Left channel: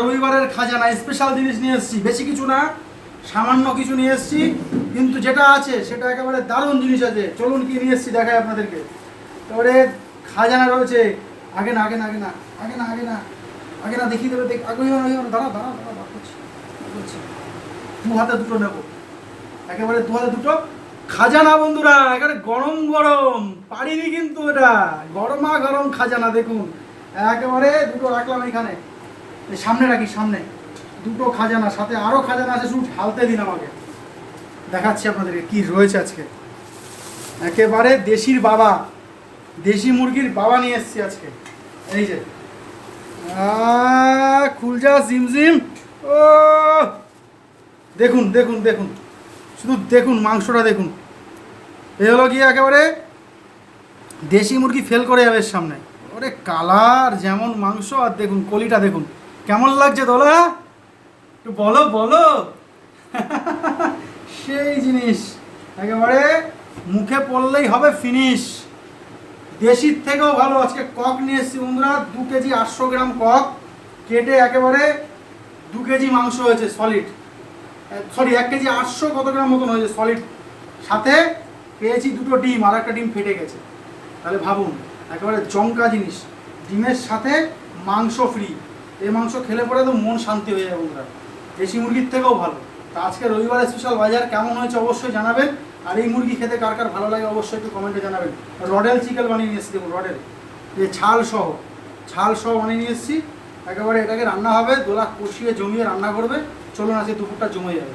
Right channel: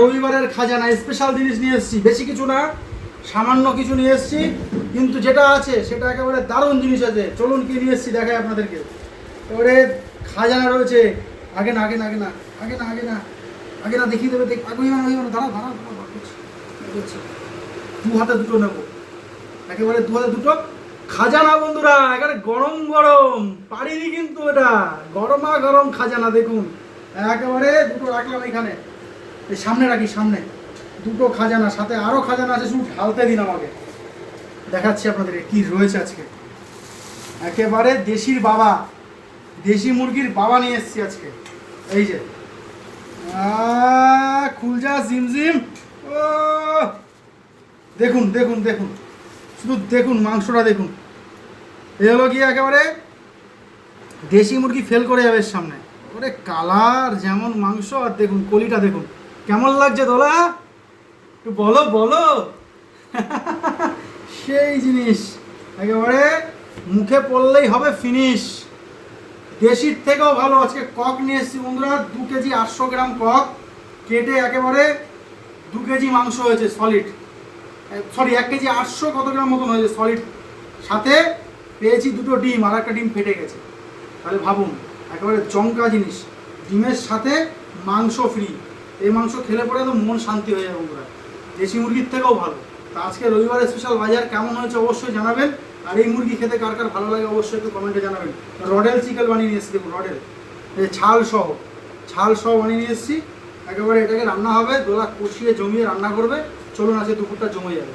রবিবারের খাজানা স্পেশাল জিনিস নিয়ে এসেছি, বেশি কিছু না, সামান্য কিছু নিয়ে এসেছি, কিন্তু যেটা আছে সেটা একেবারে দারুণ জিনিস আছে। চলুন কি নিয়ে এসেছি দেখাই আপনাদেরকে। এবারে খাজানা রয়েছে। আগে না আগে না আগে না আগে না আগে না আগে না দেখিয়ে দেবে, আগে দাঁড়া দাঁড়া দাঁড়া বার করছি। দু হাতে দুটো নেবো, একেবারে দু হাতে দুটো খাজানা বন্ধুরা, একেবারে গরম গরম পারিনি কিন্তু, এটা গরমা গরম খাজানা। দেখুন একেবারে দুটো রাখলাম এখানে, এই সামনে রাখি, সামনে দুটো খাজানা, সাথে আরও খাজানা আছে, শুধু ঢালতে দিন আমাকে। দেখাচ্ছি আপনাদেরকে কি রয়েছে আজকে। একেবারে দেশির বাবা, দেশি মুরগির বাবা নিয়ে এসেছি আজকে। এই যে খুলজা জিমজিম, ও দেখুন দেখুন দেখুন, শুধু দেখুন মাংসটা দেখুন। এ হলো কি একেবারে দেশি মুরগি ফেল করে যাবে এর সামনে। ওরে কালার যেমন মাংস, আর দেখুন কলিটা দেখুন কেমন লাগছে দোলা, একটু বলো বলো। সেই জিনিস একেবারে মুখে পড়লেই হবে ফিনিশ। দেশির থেকেও ভালো। আজকে কক নিয়ে এসেছি বন্ধুরা, 2 কেজি 800 গ্রাম কক কেটে একেবারে 2 কেজি মাংস হয়েছে সলিড, সরি 1 কেজি 800 কত গ্রাম মতন হয়েছে সলিড। সাথে পেয়েছি দুটো ডিম, আর একটা ডিম ফেটে গেছে। তাহলে ভাবুন একেবারে জমকা জিনিস, ডিমের সাথে মাংস ফ্রি। এই মাংস খেলে পরে তো মন শান্তি হয়ে যাবে বন্ধুরা, দেশি মুরগির থেকেও ভালো। তা আজকে রবিবার স্পেশাল বাজার কেমন হয়েছে অবশ্যই জানাবেন, আর এই মুরগি খেতে কার কার ভালো লাগে অবশ্যই একটু কমেন্টে জানাবেন। রডেল চিকেন বানিয়ে নিয়ে এসেছি, দেখুন রডেল, এই ছাল সহ বানিয়ে নিয়ে এসেছি। একেবারে এটাকে রান্না হবে, দোলা কষিয়ে জমিয়ে রান্না করবে। চলুন আজকে দুপুরটা জমে যাবে।